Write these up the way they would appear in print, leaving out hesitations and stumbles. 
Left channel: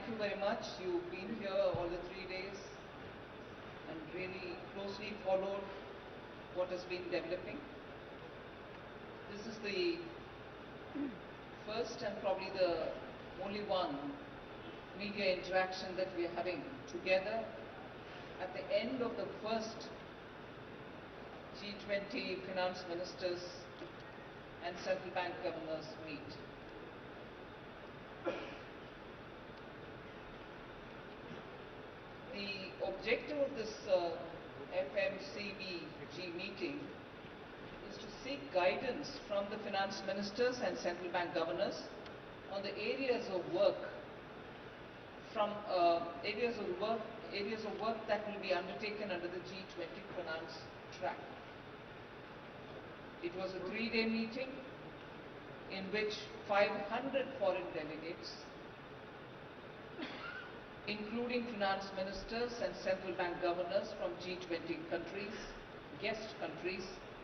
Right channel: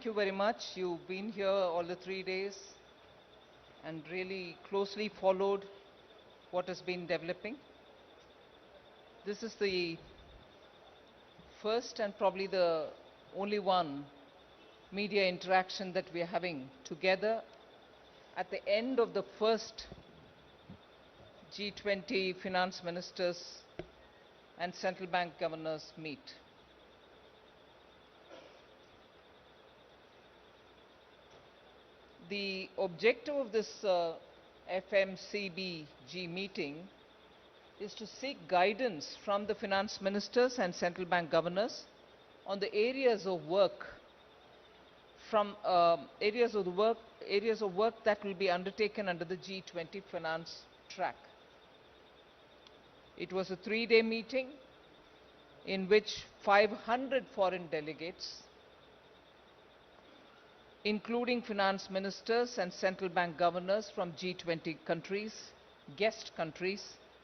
thank you very much. You've been here all the 3 days and really closely followed what has been developing. This is the first and probably the only one media interaction that we are having together at the end of the first G20 finance ministers and central bank governors meet. The objective of this FMCBG meeting is to seek guidance from the finance ministers and central bank governors on the areas of work that will be undertaken under the G20 finance track. It was a 3-day meeting in which 500 foreign delegates, including finance ministers and central bank governors from G20 countries, guest countries,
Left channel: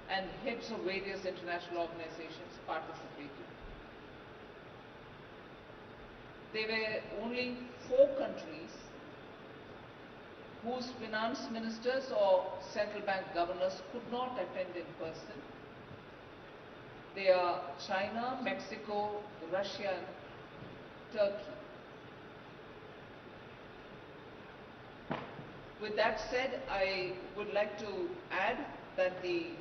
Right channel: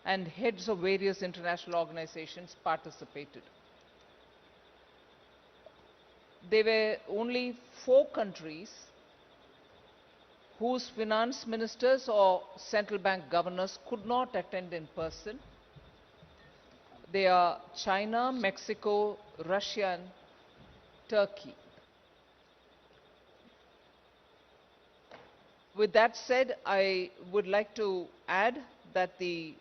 and heads of various international organizations participated. There were only 4 countries whose finance ministers or central bank governors could not attend in person. They are China, Mexico, Russia, and Turkey. With that said, I would like to add that the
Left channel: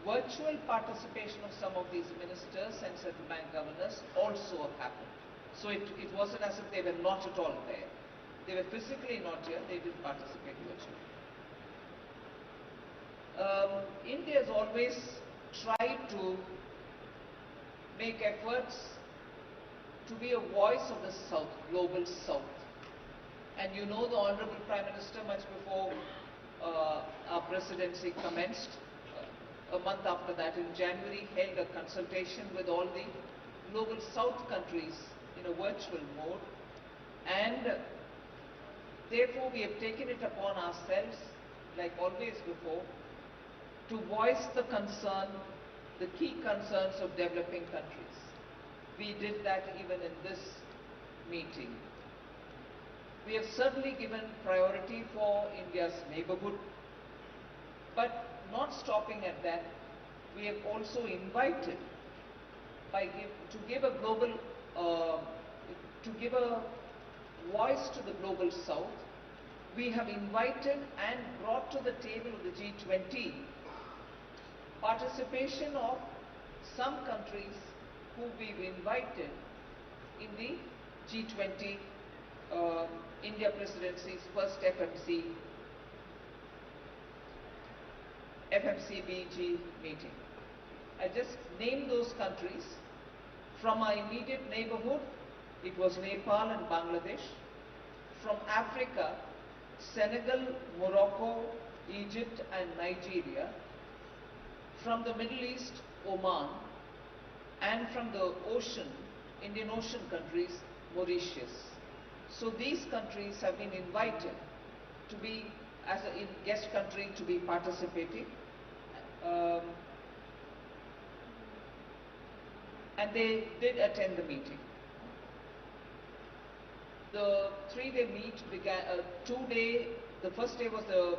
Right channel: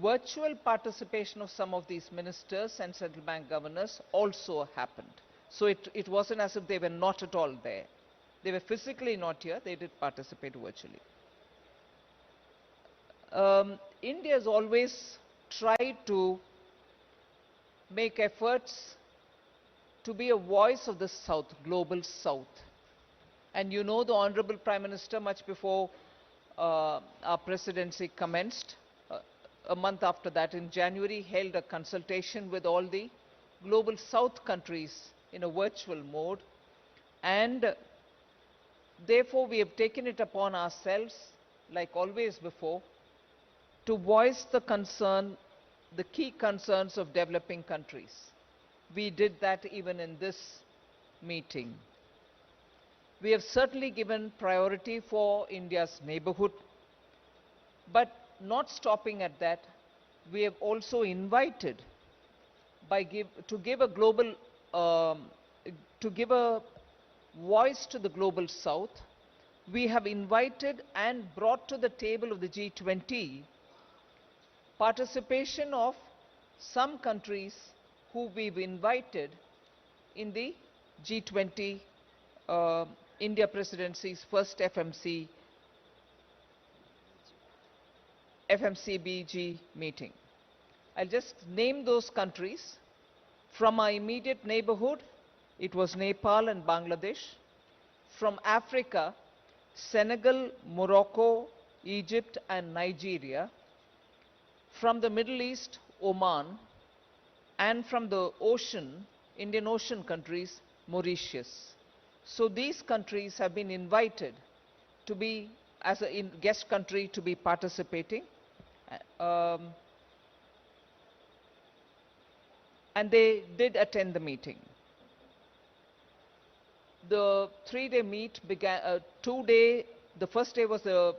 virtual participation of some of these ministers and central bank governors also happened. So it wasn't as if they were not at all there. They were physically not here, they did participate virtually. India has always tried to make efforts to be a voice of the South, global South. And you know, the Honorable Prime Minister, much before our presidency commenced, a month after that in January, held a consultation with all the global South countries in a virtual mode, and therefore we have taken it upon ourselves, like always before, to voice the concern, the key concerns of developing countries. We did that even in this meeting. We have certainly given priority for India's neighborhood, but not stopping at that, we have also invited to give a voice to the global South. We have invited and brought to the table of the G20 participation of some countries who we've invited in the G20 India presidency's first FMCBG meeting. I'll just name those countries. From our immediate neighborhood, it was Nepal and Bangladesh. From Africa, Senegal, Morocco, Egypt, and Nigeria. From the Middle East, Oman. And from the Indian Ocean countries, Mauritius. So these countries have been invited to be, as a guest country, to be participating. And they did attend the meeting. The 3-day meet began, the first day was the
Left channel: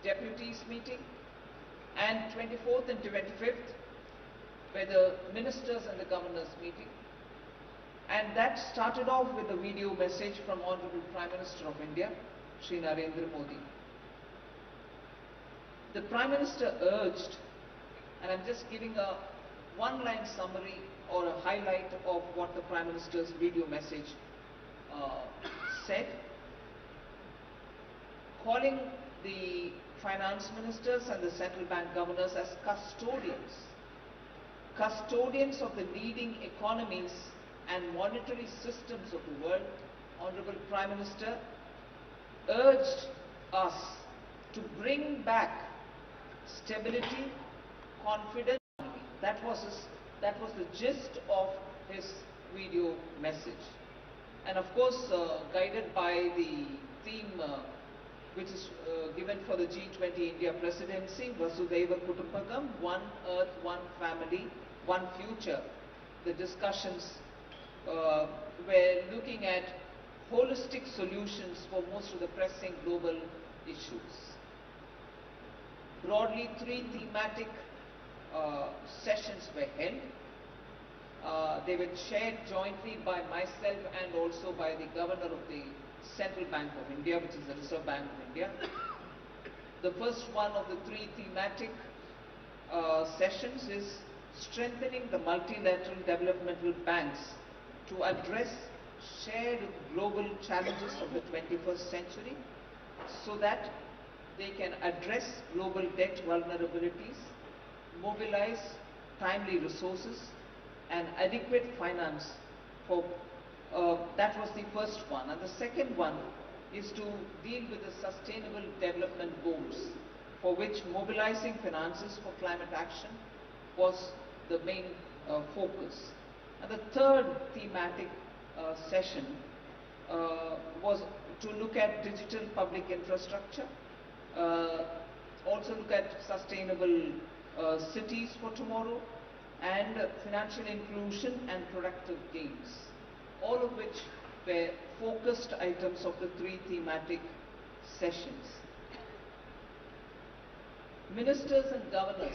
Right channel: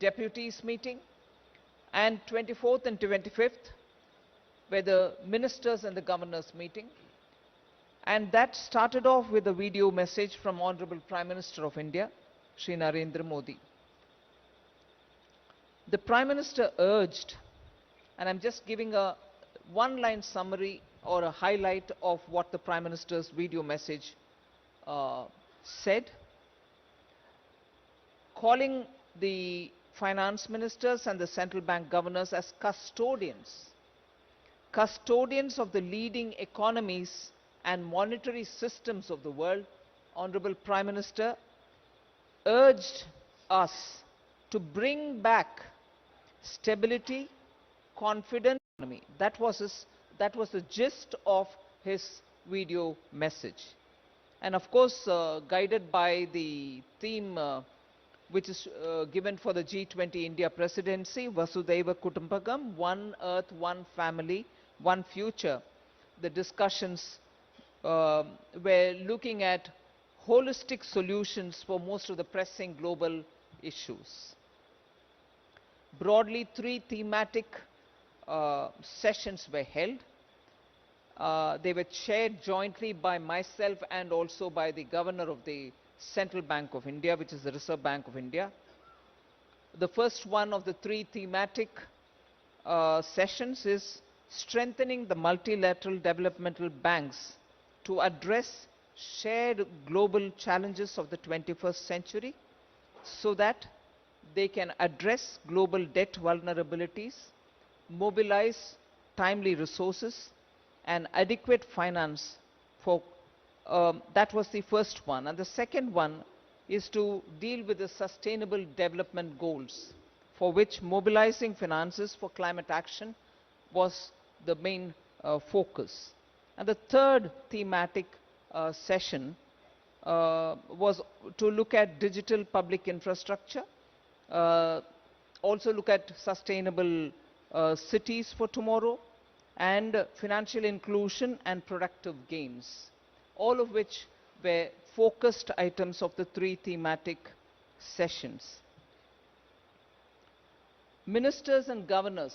deputies meeting, and 24th and 25th were the ministers and the governors meeting. And that started off with a video message from Honorable Prime Minister of India, Shri Narendra Modi. The Prime Minister urged, and I'm just giving a one-line summary or a highlight of what the Prime Minister's video message said, calling the finance ministers and the central bank governors as custodians of the leading economies and monetary systems of the world. Honorable Prime Minister urged us to bring back stability, confidence. That was the gist of his video message. And of course, guided by the theme which is given for the G20 India presidency, Vasudhaiva Kutumbakam, one earth, one family, one future. The discussions we're looking at holistic solutions for most of the pressing global issues. Broadly, 3 thematic sessions were held. They were chaired jointly by myself and also by the Governor of the Central Bank of India, which is the Reserve Bank of India. The first one of the 3 thematic sessions is strengthening the multilateral developmental banks to address shared global challenges of the 21st century so that they can address global debt vulnerabilities, mobilize timely resources and adequate finance for that was the first one. And the second one is to deal with the sustainable development goals, for which mobilizing finances for climate action was the main focus. And the third thematic session was to look at digital public infrastructure, also look at sustainable cities for tomorrow, and financial inclusion and productive gains, all of which were focused items of the 3 thematic sessions. Ministers and governors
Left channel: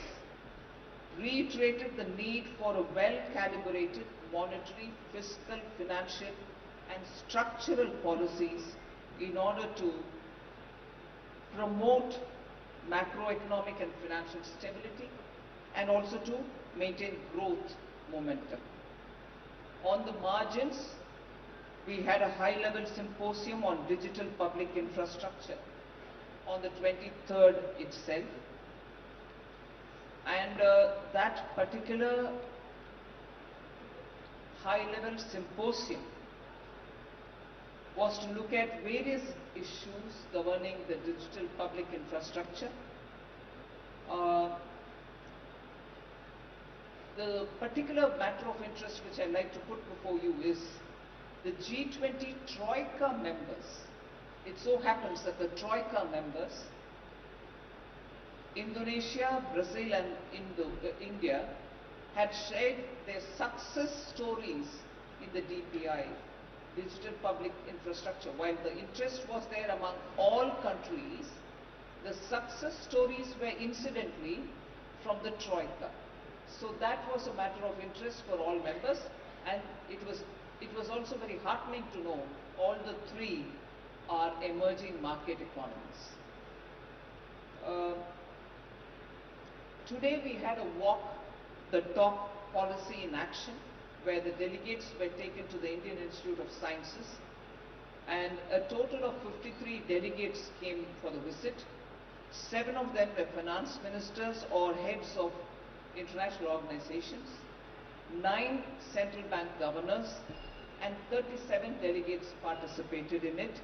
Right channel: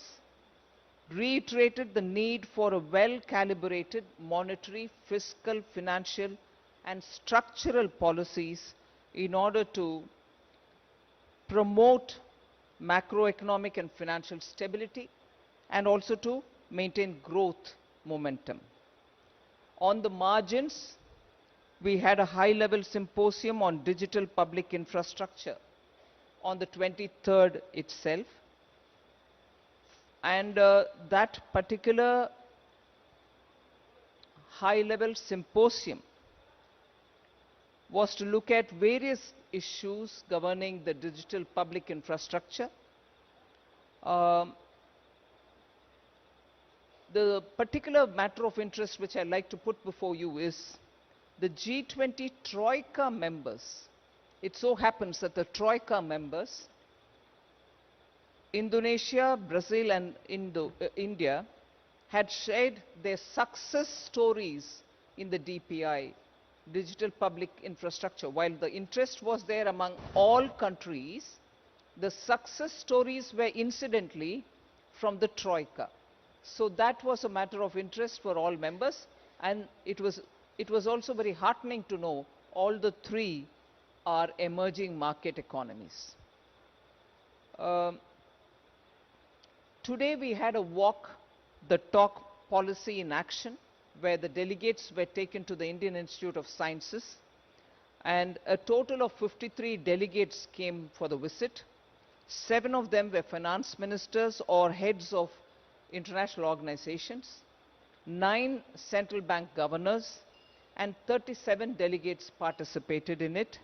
reiterated the need for a well-calibrated monetary, fiscal, financial and structural policies in order to promote macroeconomic and financial stability and also to maintain growth momentum. On the margins, we had a high-level symposium on digital public infrastructure on the 23rd itself, and that particular high-level symposium was to look at various issues governing the digital public infrastructure. The particular matter of interest which I'd like to put before you is the G20 Troika members. It so happens that the Troika members, Indonesia, Brazil and India, had shared their success stories in the DPI, digital public infrastructure. While the interest was there among all countries, the success stories were incidentally from the Troika. So that was a matter of interest for all members, and it was also very heartening to know all the 3 are emerging market economies. Today we had a walk the talk policy in action, where the delegates were taken to the Indian Institute of Sciences, and a total of 53 delegates came for the visit. 7 of them were finance ministers or heads of international organizations, 9 central bank governors, and 37 delegates participated in it.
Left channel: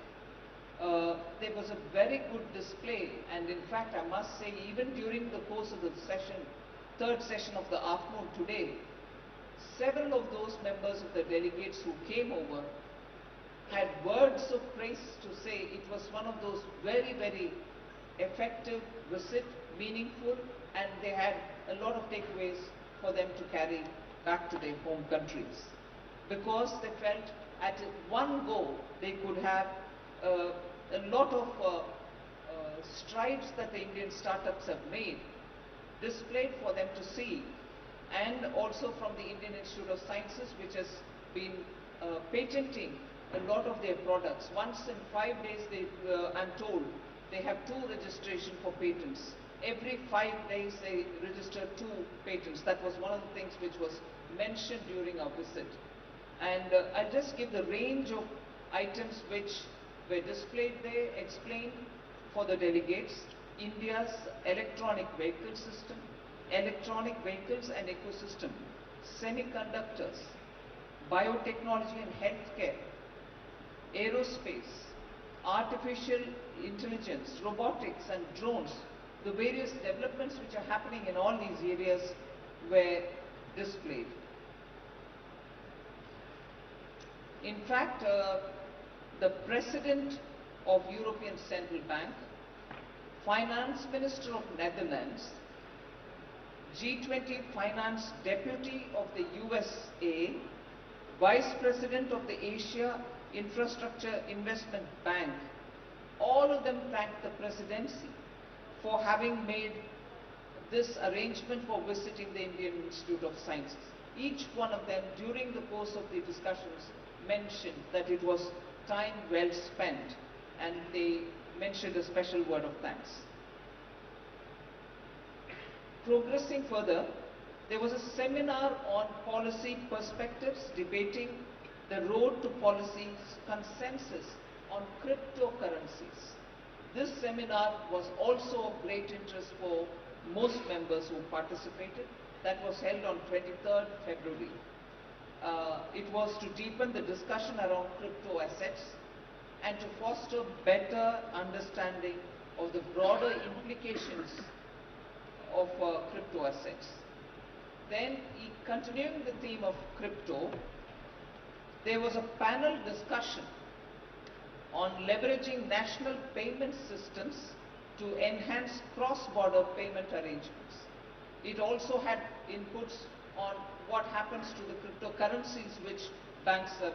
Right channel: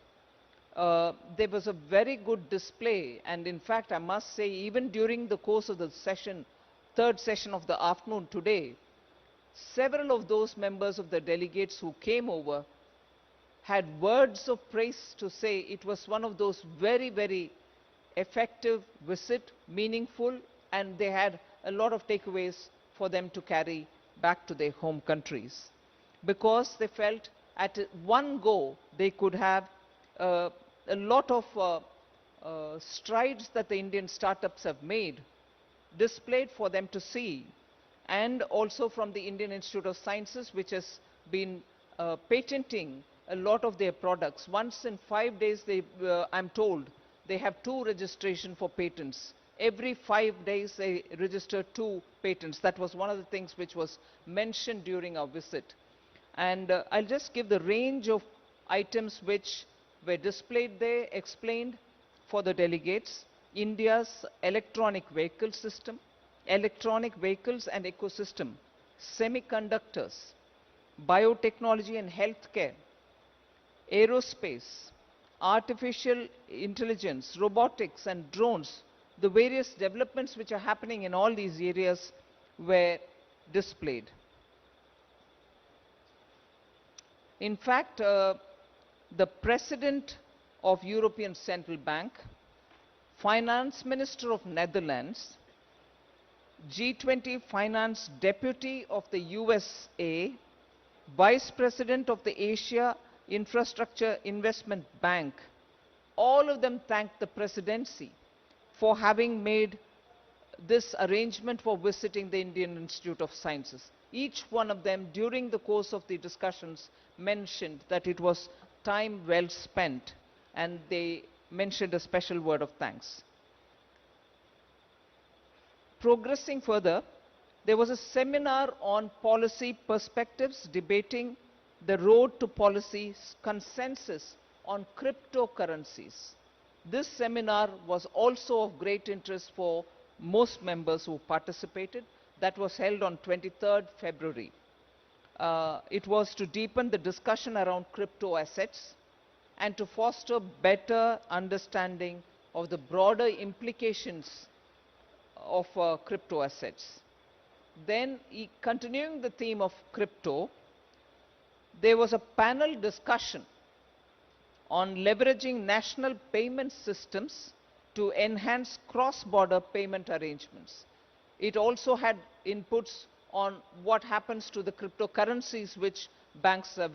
There was a very good display, and in fact I must say, even during the course of the session, third session of the afternoon today, several of those members of the delegates who came over had words of praise to say. It was one of those very, very effective visit, meaningful, and they had a lot of takeaways for them to carry back to their home countries, because they felt at one go they could have a lot of strides that the Indian startups have made displayed for them to see, and also from the Indian Institute of Sciences, which has been patenting a lot of their products. Once in 5 days, I'm told, they have 2 registration for patents. Every 5 days they register 2 patents. That was one of the things which was mentioned during our visit. And I'll just give the range of items which were displayed there, explained for the delegates. India's electronic vehicle system, electronic vehicles and ecosystem, semiconductors, biotechnology and healthcare, aerospace, artificial intelligence, robotics and drones. The various developments which are happening in all these areas were displayed. In fact, the President of European Central Bank, Finance Minister of Netherlands, G20 Finance Deputy of the USA, Vice President of the Asia Infrastructure Investment Bank, all of them thanked the presidency for having made this arrangement for visiting the Indian Institute of Sciences. Each one of them, during the course of the discussions, mentioned that it was time well spent, and they mentioned a special word of thanks. Progressing further, there was a seminar on policy perspectives debating the road to policy consensus on cryptocurrencies. This seminar was also of great interest for most members who participated. That was held on 23rd February. It was to deepen the discussion around crypto assets and to foster better understanding of the broader implications of crypto assets. Then, continuing the theme of crypto, there was a panel discussion on leveraging national payment systems to enhance cross-border payment arrangements. It also had inputs on what happens to the cryptocurrencies which banks have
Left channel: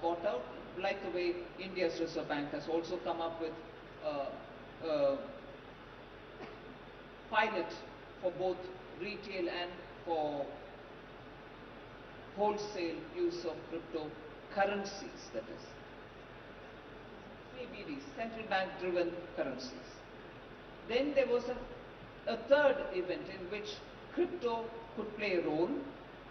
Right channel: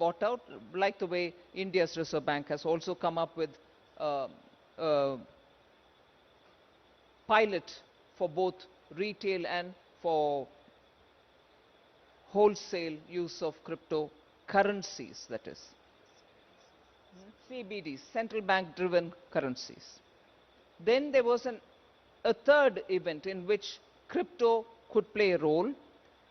bought out, like the way India's Reserve Bank has also come up with pilot for both retail and for wholesale use of cryptocurrencies, that is. CBDs, central bank driven currencies. Then there was a third event in which crypto could play a role.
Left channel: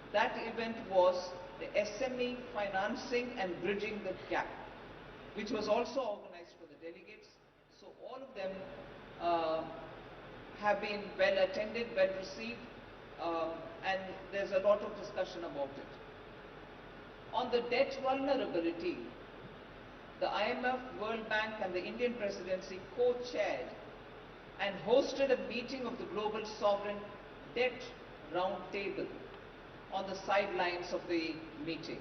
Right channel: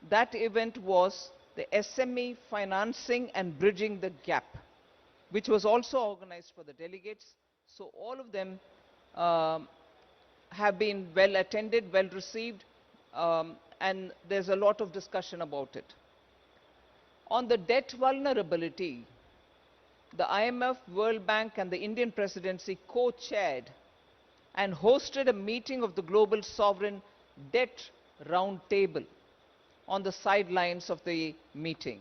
That event was the SME financing and bridging the gap, which was also organized for the delegates. So all of them have been well attended, well received, and there's a lot of discussion about it. On the debt vulnerability, the IMF, World Bank and the Indian presidency co-chaired and hosted a meeting of the Global Sovereign Debt Roundtable on the sidelines of the meeting.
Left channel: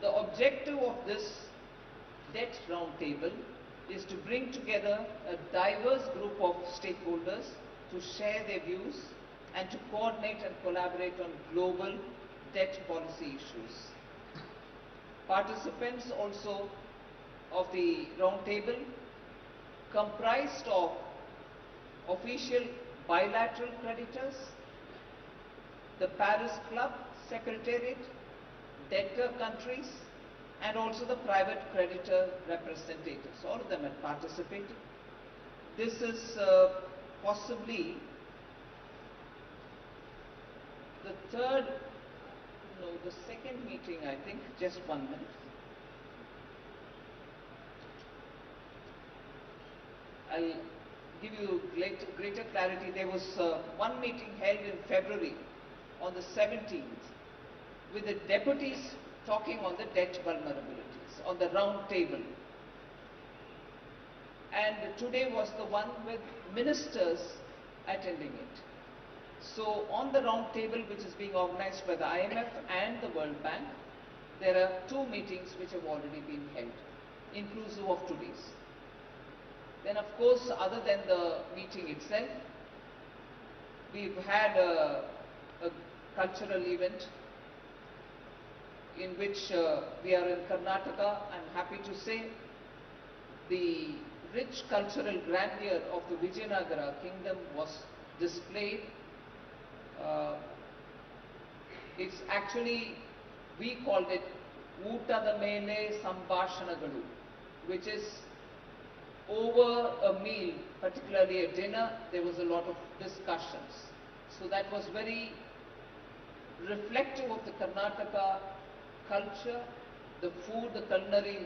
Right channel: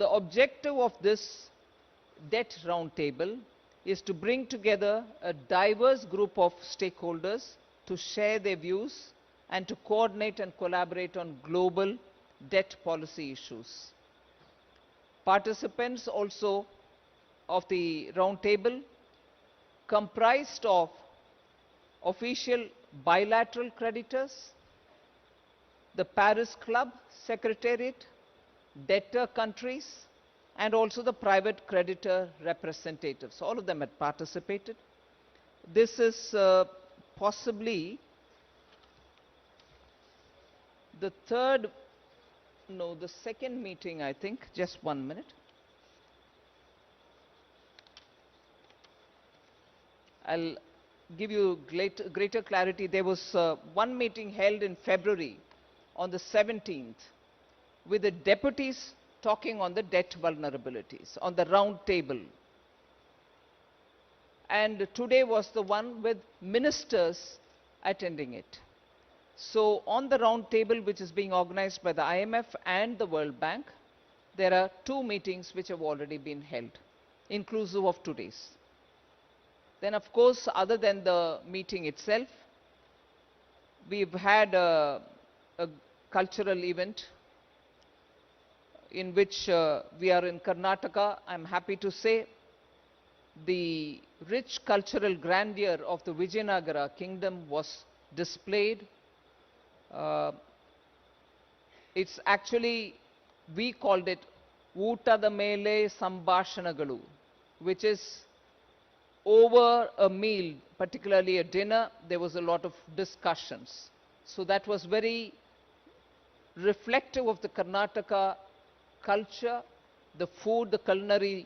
The objective of this debt roundtable is to bring together a diverse group of stakeholders to share their views and to coordinate and collaborate on global debt policy issues. Participants also of the roundtable comprised of official bilateral creditors, the Paris Club Secretariat, debtor countries, and also the private creditor representatives. All of them had participated. This is possibly the second meeting, I think. Just 1 minute. I'll give you greater clarity. There was one meeting held in February on the 17th with the deputies talking on the debt vulnerabilities on the round table. And today was the one with ministers attending it. So on the round table, which is being organized by the IMF and the World Bank, there are 2 meetings which have already been held, inclusive of today's. Then of course, other than the meeting itself, we've had a cultural event in which we are in Karnataka. I'm happy to say the rich cultural grandeur of the Vijayanagara kingdom was displayed. It's actually, we called it Uttada Mele Sambhashanagalu, which is over a meal, particularly a dinner, there was a lot of discussions. So that was very reflective of the Karnataka culture. The food, the culinary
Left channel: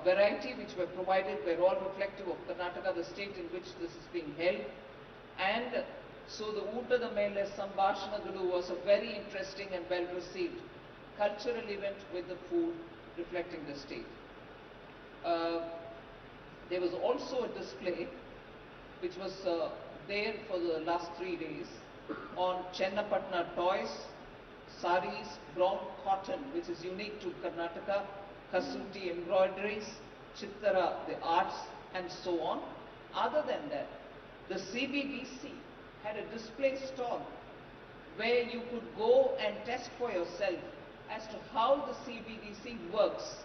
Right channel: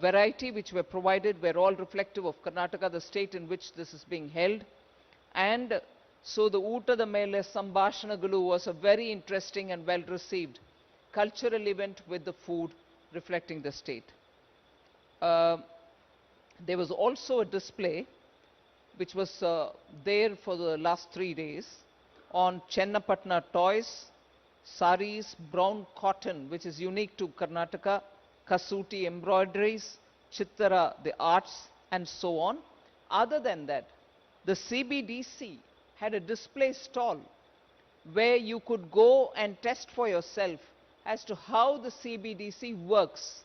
variety which were provided were all reflective of Karnataka, the state in which this is being held. And so the Uttada Mele Sambhashanagalu was a very interesting and well received cultural event with the food reflecting the state. There was also a display which was there for the last 3 days on Chennapatna toys, saris, brown cotton, which is unique to Karnataka, Kasuti embroideries, Chittara, the arts, and so on. Other than that, the CBDC had a display stall where you could go and test for yourself as to how the CBDC works.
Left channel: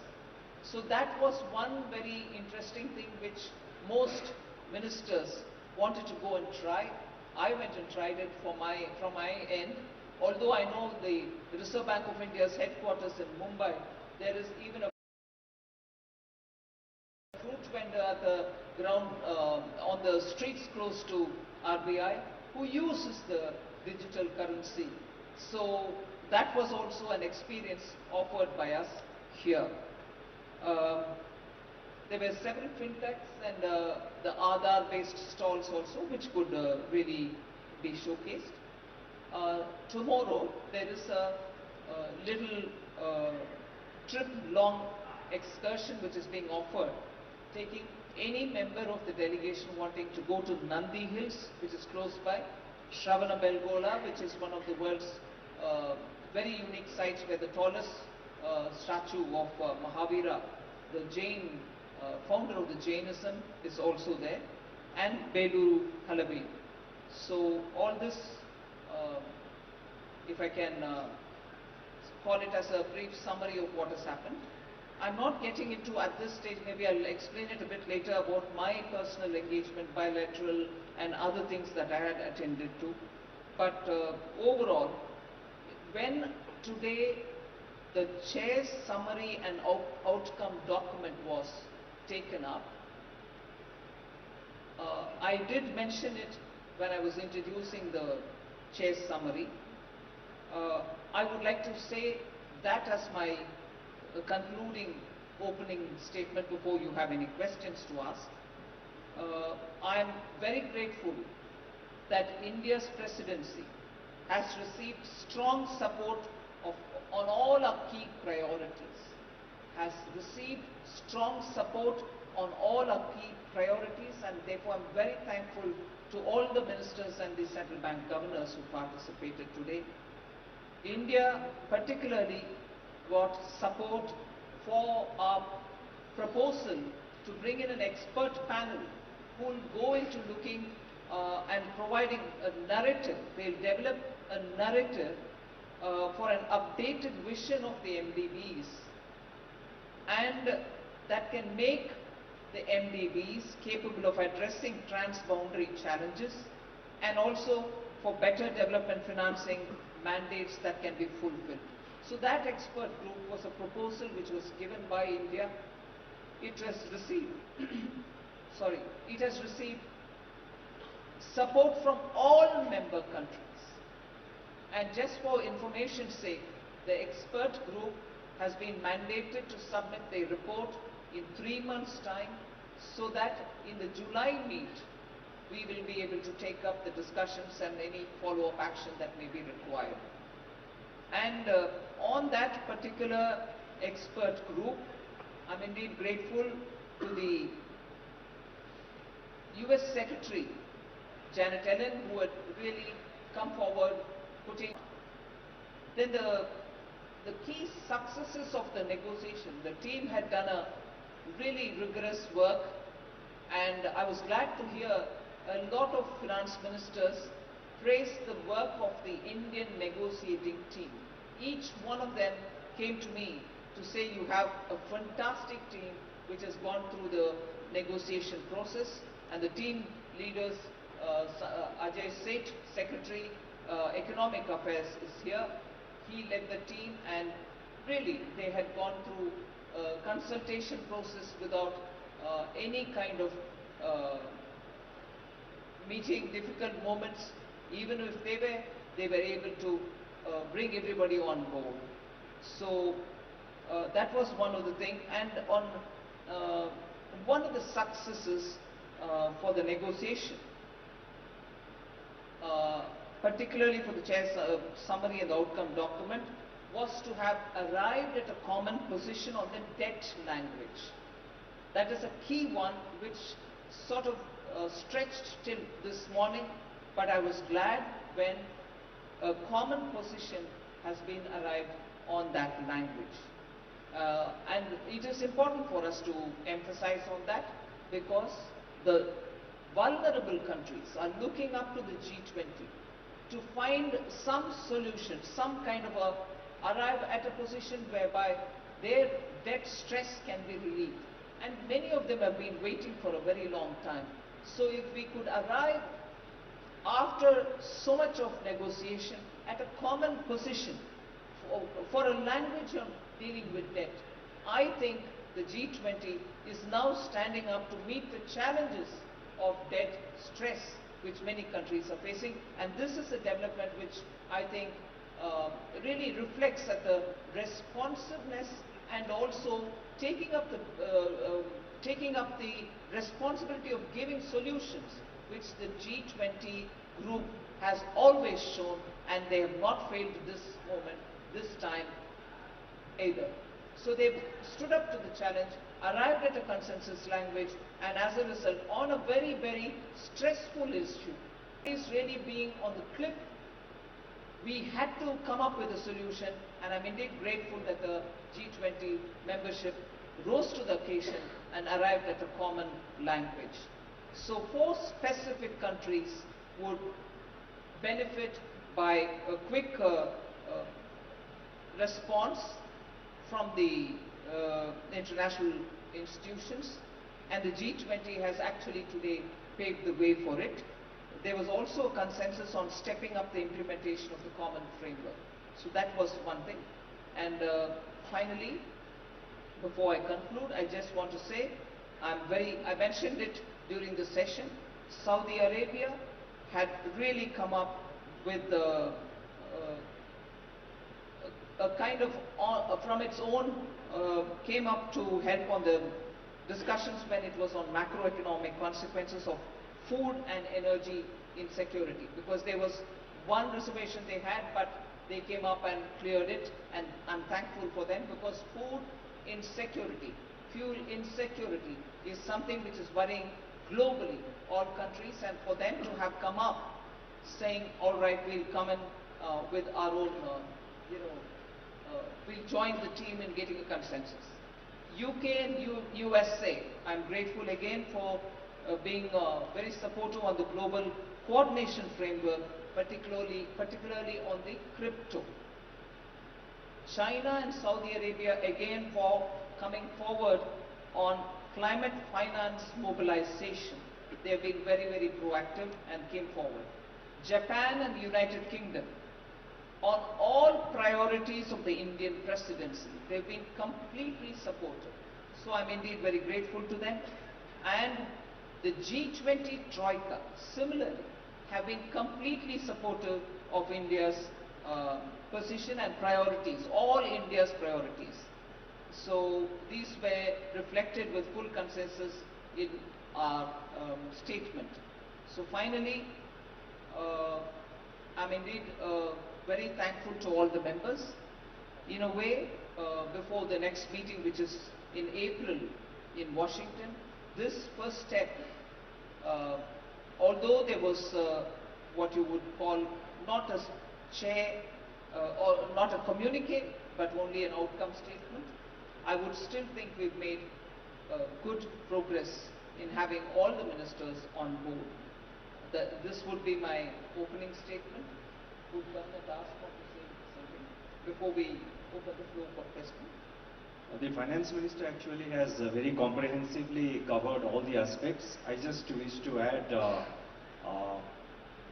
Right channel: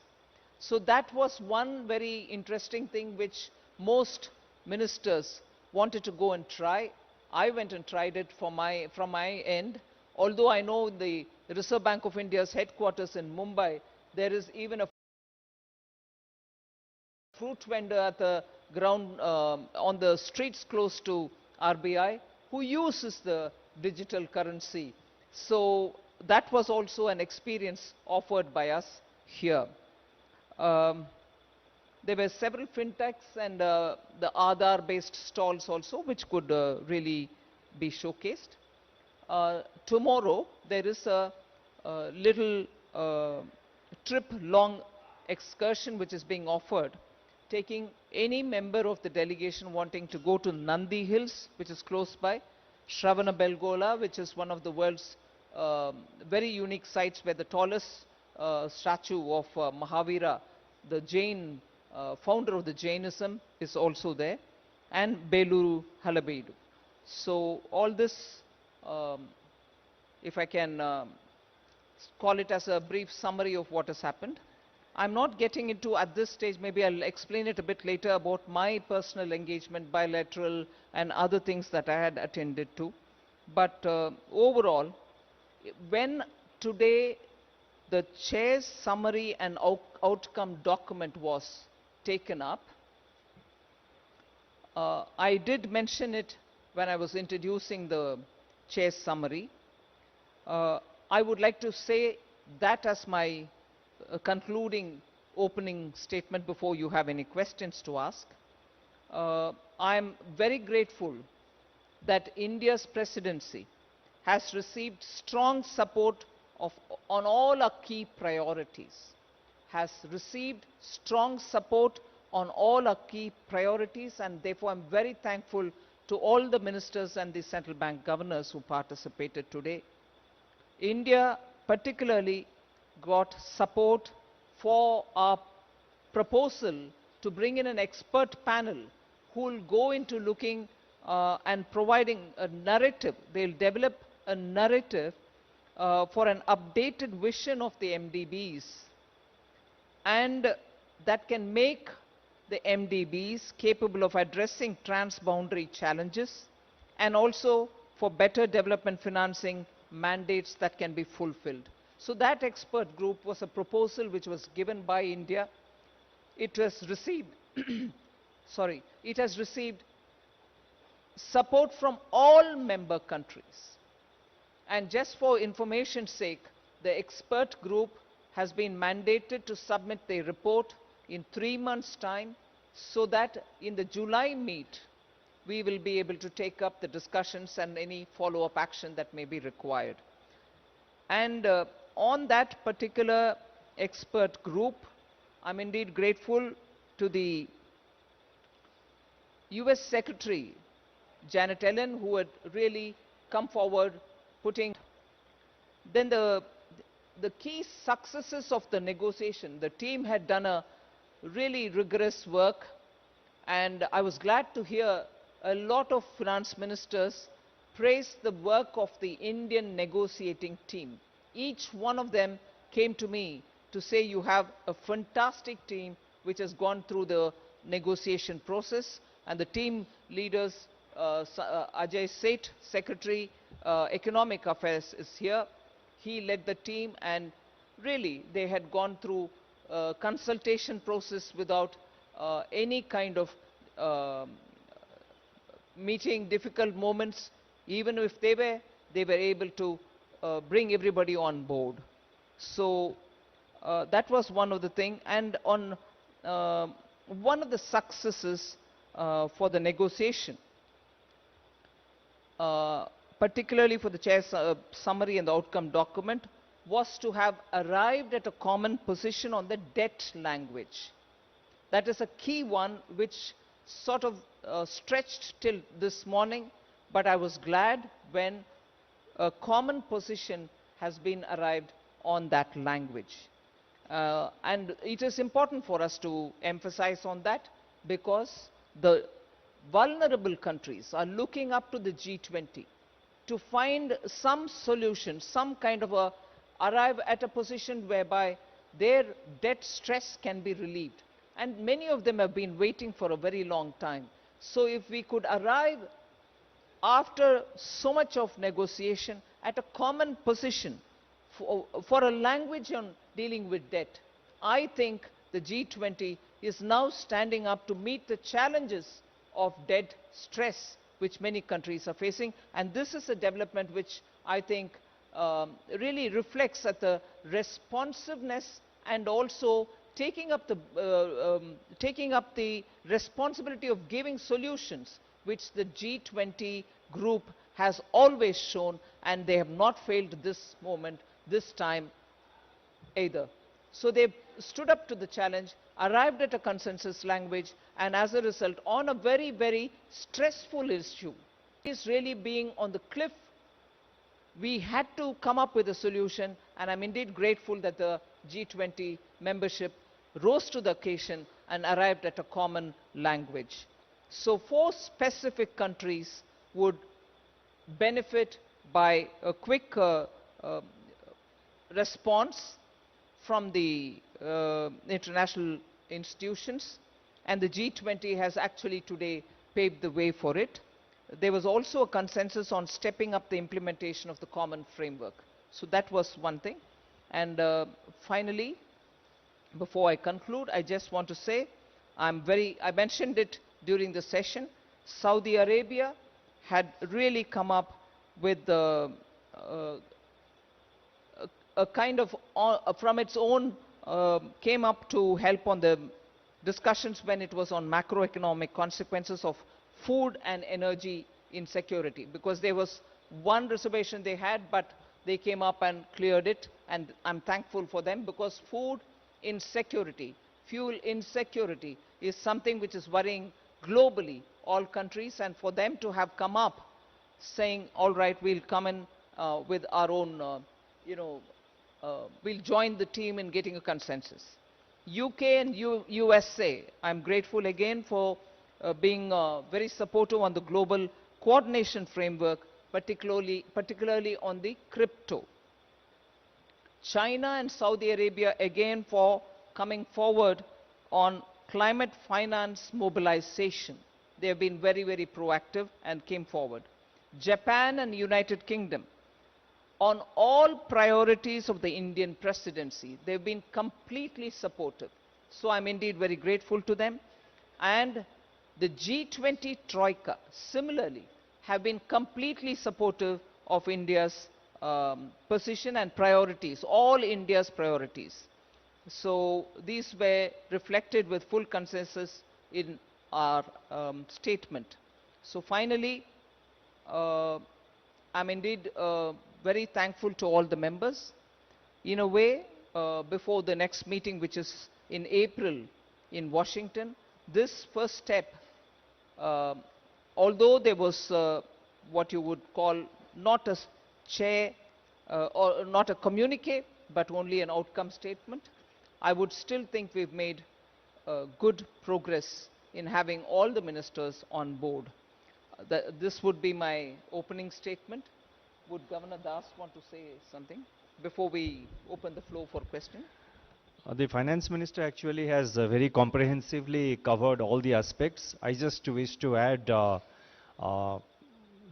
So that was one very interesting thing which most ministers wanted to go and try. I went and tried it from my end. Although I know the Reserve Bank of India's headquarters in Mumbai, there is even a fruit vendor at the ground on the streets close to RBI who uses the digital currency. So that was also an experience offered by us here. There were several fintechs and the Aadhaar based stalls also which could really be showcased. Tomorrow there is a little trip long excursion which is being offered, taking any member of the delegation wanting to go to Nandi Hills, which is close by, Shravana Belgola, which is one of the world's very unique sites where the tallest statue of Mahavira, the Jain founder of the Jainism, is also there, and Beluru Halabeedu. So all this, if I can call it as a brief summary of what has happened. I'm not getting into at this stage, maybe I'll explain it a bit later about my personal engagement, bilateral and other things that I had attended to. But overall, when today the chair's summary and outcome document was taken up, I did mention it when I was introducing the chair's summary. I would like to say that as my concluding opening statement before you have any questions to ask. I am very grateful that India's presidency has received strong support on all our key priorities, has received strong support on all our key priorities, and therefore I am very thankful to all the ministers and the central bank governors who participated today. India particularly got support for our proposal to bring in an expert panel who will go into looking and providing a narrative. They'll develop a narrative for an updated vision of the MDBs, and that can make the MDBs capable of addressing transboundary challenges and also for better development financing mandates that can be fulfilled. So that expert group was a proposal which was given by India. It has received, it has received support from all member countries. And just for information's sake, the expert group has been mandated to submit their report in 3 months' time, so that in the July meet, we will be able to take up the discussions and any follow-up action that may be required. And on that particular expert group, I'm indeed grateful to the US Secretary, Janet Yellen, who had really come forward, putting. Then the key successes of the negotiation, the team had done a really rigorous work, and I was glad to hear a lot of finance ministers praise the work of the Indian negotiating team. Each one of them came to me to say, you have a fantastic team which has gone through the negotiation process, and the team leaders, Ajay Seth, Secretary, Economic Affairs, is here. He led the team, and really they had gone through a consultation process without any kind of meeting difficult moments. Even if they were able to bring everybody on board. So that was one of the things. And on one of the successes for the negotiation, particularly for the chair's summary and the outcome document, was to have arrived at a common position on the debt language. That is a key one which sort of stretched till this morning, but I was glad when a common position has been arrived on that language. And it is important for us to emphasize on that, because the vulnerable countries are looking up to the G20 to find some solution, some kind of a arrive at a position whereby their debt stress can be relieved. And many of them have been waiting for a very long time. So if we could arrive after so much of negotiation at a common position for a language on dealing with debt, I think the G20 is now standing up to meet the challenges of debt stress which many countries are facing, and this is a development which I think really reflects at the responsiveness and also taking up the responsibility of giving solutions which the G20 group has always shown, and they have not failed this moment, this time either. So they stood up to the challenge, arrived at a consensus language, and as a result, on a very, very stressful issue, is really being on the cliff, we had to come up with a solution, and I'm indeed grateful that the G20 membership rose to the occasion and arrived at a common language. So 4 specific countries would benefit by a quick response from the international institutions, and the G20 has actually today paved the way for it. There was also a consensus on stepping up the implementation of the common framework. So that was one thing. And finally, before I conclude, I just want to say, I mentioned it during the session, Saudi Arabia had really come up with a kind of, from its own, came up to help on the discussions when it was on macroeconomic consequences of food and energy insecurity, because there was one reservation they had, but they came up and cleared it, and I'm thankful for them, because food insecurity, fuel insecurity is something which is worrying globally all countries, and for them to have come up saying, all right, we'll come in with our own, we'll join the team in getting a consensus. UK and USA, I'm grateful again for being very supportive on the global coordination framework, particularly on the crypto. China and Saudi Arabia again for coming forward on climate finance mobilization. They have been very, very proactive and came forward. Japan and United Kingdom, on all priorities of the Indian presidency, they have been completely supportive. So I'm indeed very grateful to them. And the G20 Troika, similarly, have been completely supportive of India's position and priorities, all India's priorities. So these were reflected with full consensus in our statement. So finally, I'm indeed very thankful to all the members. In a way, before the next meeting, which is in April in Washington, this first step, although there was what you would call not a chair or not a communique, but only an outcome statement, I would still think we've made good progress in having all the ministers on board. This would be my opening statement. Would Governor Das want to say something before we open the floor for questions? The finance minister actually has very comprehensively covered all the aspects. I just wish to add 2 or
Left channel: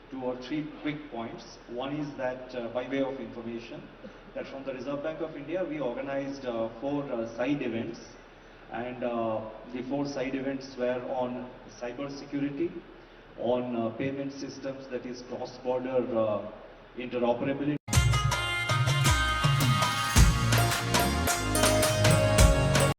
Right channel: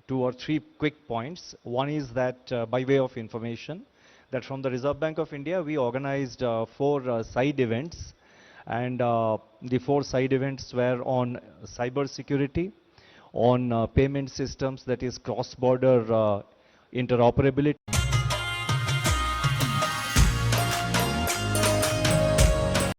3 quick points. One is that by way of information, that from the Reserve Bank of India we organized 4 side events, and the 4 side events were on cyber security, on payment systems, that is cross-border interoperability.